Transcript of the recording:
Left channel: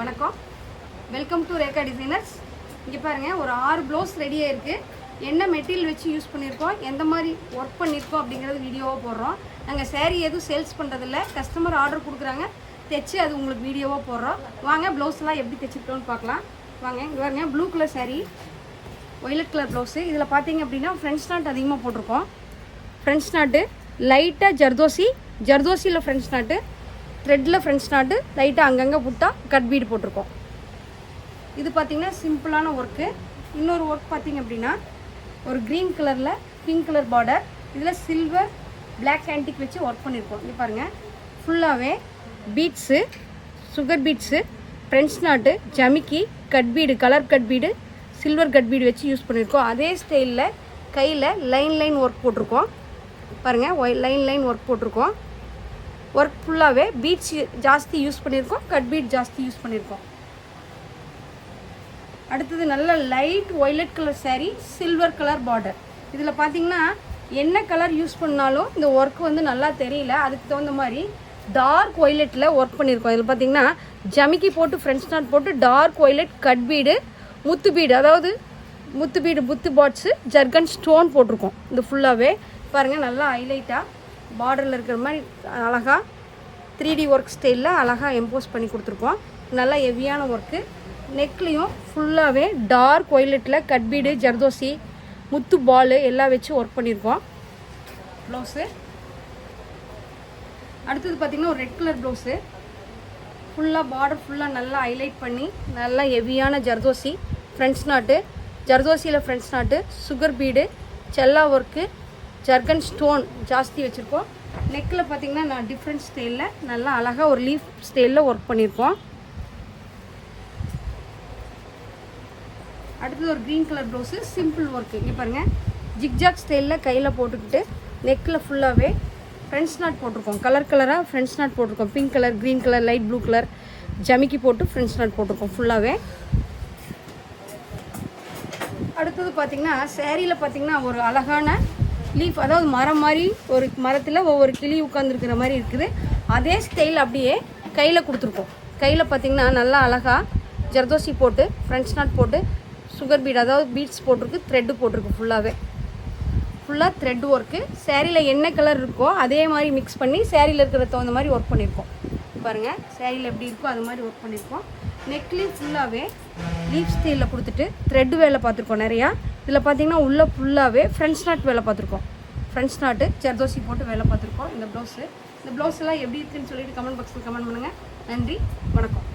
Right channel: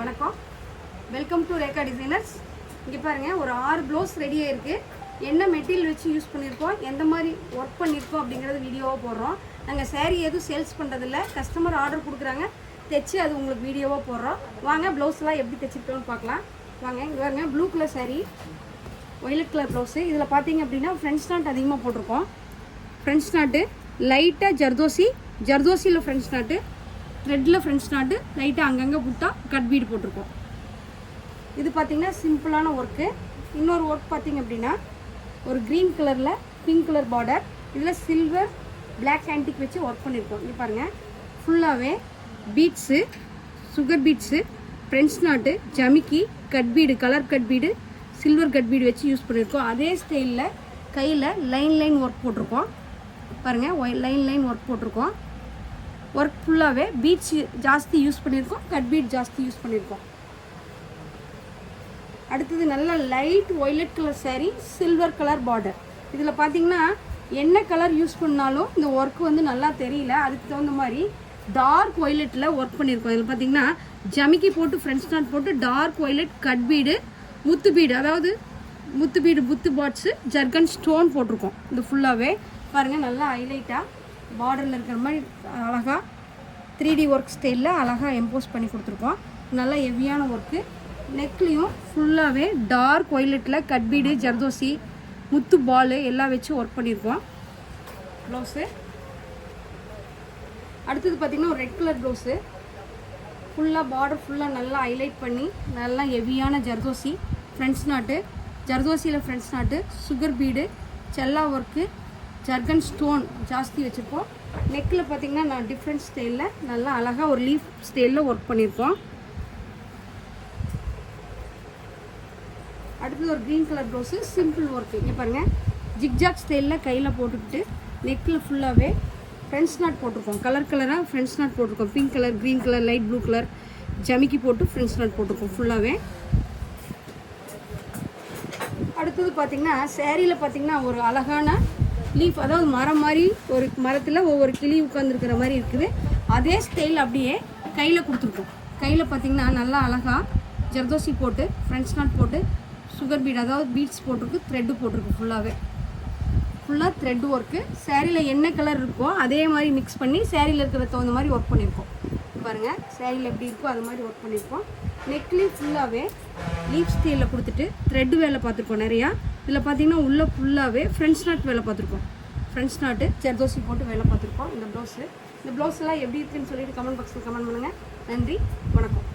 வணக்கம், welcome to Rekha designers. இங்கே பாருங்கள், ஒரு 6 ப்ளவுஸ் ரெடியாக இருக்குது. என்ன மெட்டீரியல் வச்சு யூஸ் பண்ணியிருக்கோம், எந்த மாதிரி ஒர்க் பண்ணியிருக்கோம் அப்படிங்கிறது வீடியோவாக போடுறோம். நாங்கள் சேரீ எதுவும் சேல்ஸ் பண்ணுறதில்ல, கஸ்டமர் ஆர்டர் கொடுக்குறாங்க, தைச்சி அது உங்களுக்கு வீடியோவாக போடுறோம். வாங்க ப்ளவுஸ்லாம் எப்படி தைச்சிருக்கோன்னு பார்க்கலாம். வாங்க, இங்கே பாருங்க, blue colour sari, violet colour blouse. இதில் பார்த்தீங்க அப்படின்னா ஃப்ரெண்ட்ஸ் நாட் அதிகமாக போட்டிருக்கோம். ஃப்ரெண்ட்ஸ் நாட்டு லைட்டாக ஜர்தோசியில் ஃப்ரெண்ட்ஸ் நாட்டு, த்ரெட்டில் ஃப்ரெண்ட்ஸ் நாட்டு, லைட்டாக அங்கங்கே புட்டா கட் பீடு போட்டிருக்கோம். இது பார்த்திங்கன்னா சிம்பிளான ஒர்க்கு. இன்னொரு ஒர்க் பார்த்திங்க அப்படின்னா ஒரு க்ரீன் கலரில் பிங்க் கலர் பார்டர், இதில் சில்வர் பிளாக் ஆன்டிக் வச்சு ஒர்க் பண்ணியிருக்கோம். இங்கே பாருங்கள், ஃபுல்லாகவே beads, sugar beads, French knot, ஜமிக்கி, cut bead, colour cut bead, silver cut bead வச்சு யூஸ் பண்ணியிருக்கோம். அதே ஸ்டைலில் கையில் லைன் ஒர்க் போட்டிருக்கோம். பாருங்கள், லைன் ஒர்க் போட்டிருக்கோம். ஒர்க் ஃபுல்லாகவே பீட்ஸ் ஜாஸ்தி யூஸ் பண்ணியிருக்கோம், கட் பீட் ஜாஸ்தி யூஸ் பண்ணியிருக்கோம். அடுத்தது நல்ல light violet colour sari, silver colour border. இதில் பார்த்தீங்கன்னா என்ன கலர் யூஸ் பண்ணாலும் இந்த ஒர்க் வந்து நல்லா தெரியல, அதுக்கு தகுந்த மாதிரி டார்க் ஒய்லட்டில் ஒர்க் பண்ணியிருக்கோம். இதில் பார்த்தீங்கன்னா ஜமிக்கி போட்டு ஃப்ரெண்ட்ஸ் நாட் போட்டு டார்க் ஒய்லட் கட் பீடு, முத்து பீடு, அதாவது முத்து பாட்ஸு, ஜர்கன் ஸ்டோன் போட்டிருக்கோம். இது ஃபுல்லாகவே பாருங்கள், நல்லா ஹைலைட்டாக பார்டரில் இருக்கிற மாதிரி அழகாக 3D ஒர்க் ஸ்டைலில் அழகாக எம்போஸ் பண்ணி கொடுத்துருக்கோம். நல்லா ஹெவியான ஒர்க்கு. நெக்லேயும் ஃபுல்லாகவே டார்க் ஒய்லட்டில் கட் பீடு, ஜர்தோசி, முத்து பால் எல்லாம் வச்சு ஒர்க் பண்ணியிருக்கோம் ப்ளவுஸு. அடுத்தது பார்த்திங்கன்னா ஒரு ரெட் கலர் ப்ளவுஸு, ஃபுல்லாக பார்டர் ஃபுல்லாக நல்லா ஹைலைட் பண்ணி நல்லா ஹெவியான ஜர்தோசி, ஃப்ரெண்ட்ஸ் நாட்டு, ஜர்தோசியில் ஃப்ரெண்ட்ஸ் நாட்டு, சுகர் பீடு, செல்லா ஒர்க்கு, ஜர்கன் ஸ்டோன் ஜாஸ்தி வச்சுருக்கோம். நெக்கில் பார்த்திங்கன்னா நான் டிஃப்ரெண்ட் ஸ்டைலில் நல்லா அழகாக ஒரு லீஃப் ஸ்டைலில் ஒர்க் பண்ணியிருக்கோம். அடுத்தது ஒரு green colour blouse, simple work. இங்கே பாருங்கள், ஜிக்ஜாக் ஸ்டைலில் கையில் போட்டுக்கிட்டு நெக்கில் ஃபுல்லாகவே ஃப்ரெண்ட்ஸ் நாட் போட்டிருக்கோம். கலராக ஃப்ரெண்ட்ஸ் நாட் போட்டிருக்கோம். Pink colour, green colour, light blue colour ஜமிக்கி போட்டு ஃப்ரெண்ட்ஸ் நாட் போட்டிருக்கோம் ஃபுல்லாகவே. அடுத்தது பார்த்திங்கன்னா சேரீயில் பார்த்திங்கன்னா ஒரு அழகான லீஃப், அதாவது மரம் மாதிரி, ஒரு மரத்தில் ஒவ்வொரு கிளி உட்காந்துருக்கிற மாதிரி இருக்குது. அதே ஸ்டைல் அப்படியே கையில் கொடுத்துருக்கோம். கையில் பார்த்திங்கன்னா நல்லா அழகாக ஜர்தோசி போட்டு ஃப்ரெண்ட்ஸ் நாட் போட்டு சுகர் பீட், அதாவது பீட்ஸ் போட்டிருக்கு, த்ரெட்டு போட்டிருக்கு. ஃபுல்லாக த்ரெட் ஒர்க்கு. சேரீயில் என்ன கலர் இருக்கோ அதே மாதிரி மிக்ஸ் பண்ணி சேரீயில் இருக்கிற தகுந்த மாதிரி ஒர்க் பண்ணியிருக்கோம். பாருங்கள், சேரீயில் எப்படி இருக்கோ அது மாதிரி ஒர்க் பண்ணியிருக்கோம். நெக்லேயும் ஃபுல்லாகவே லீஃப் ஸ்டைலில் கொடுத்துட்டு த்ரெட்டு வேலை பார்த்துருக்கோம் நிறையா. இதில் பார்த்தீங்கன்னா உள்ளே ஃபுல்லாகவே ஃப்ரெண்ட்ஸ் நாட் வேலை பார்த்துருக்கோம். ஃப்ரெண்ட்ஸ் நாட்டு ஜர்தோசி போட்டு வேலை பார்த்துருக்கோம். இந்த ப்ளவுஸு, இந்த ப்ளவுஸ் எல்லாம் எப்படி இருக்குன்னு சொல்லிட்டு கமெண்ட் பாக்ஸில் கமெண்ட் பண்ணுங்கள். நன்றி, வணக்கம்.